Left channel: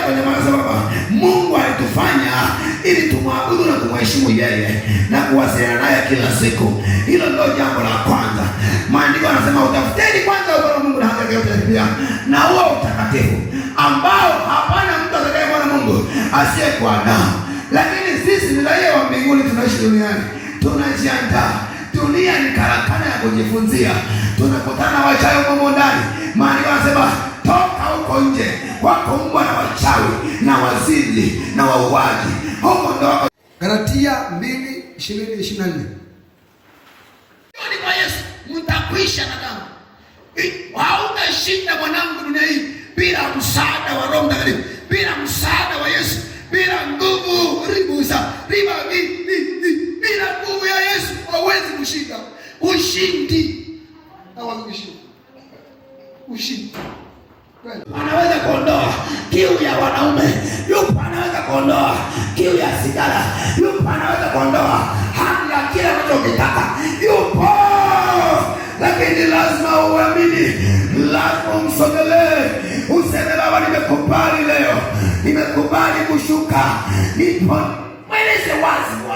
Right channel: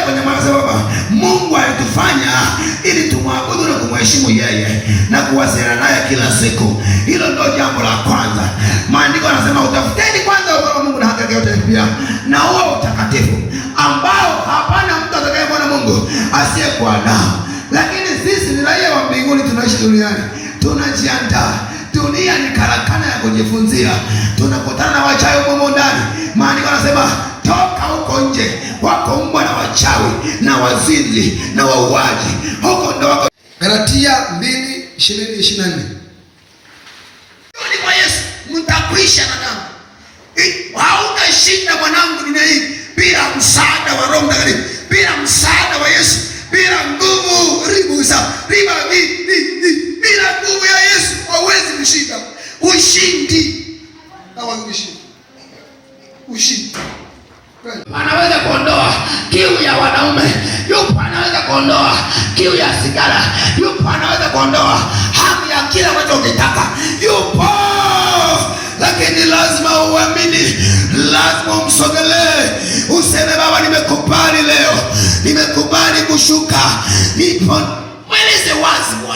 Anakuja kwenye maana baba, Mungu alitufanya ili tumwabudu na kumheshimu yeye na kuwasiliana naye kila siku. Hilo ndio jambo la kwanza. Maandiko yanasema utafuteni kwanza ufalme wa Mungu na haki yake yote pia na huo utakatifu ambao hapana mtu atakayemwona Mungu asiyekuwa nao. Lakini sisi ni raia wa mbinguni, tunaishi duniani, tunajiandaa. Dunia ni karakana ya kujifunzia. Tunakutana na wachawi huko ndani. Maandiko yanasema toka huko nje, wako mbwa na wachawi na wazinzi na wauaji. Huko ndo wako. Galatia 2:20-24. Ni kwa Yesu mtakwisha na damu. Hauna shida mwanangu nina hii bila msaada wa Roho Mtakatifu, bila msaada wa Yesu, bila nguvu bila nguvu ya Yesu hauwezi kushinda. Ushindi. Hawezi kushinda. Ushindi. Anaweza kuondoa kiu ya wanaume. Yupo anaweza kuondoa kiu ya sigara. Yupo anaweza kuondoa hamu ya kila unachokitaka. Yupo. Lakini lazima uamini, lazima umsogelee. Useme Baba, nimekubali leo. Nimekubali kushuka. Nipo. Mweleze wazi Bwana.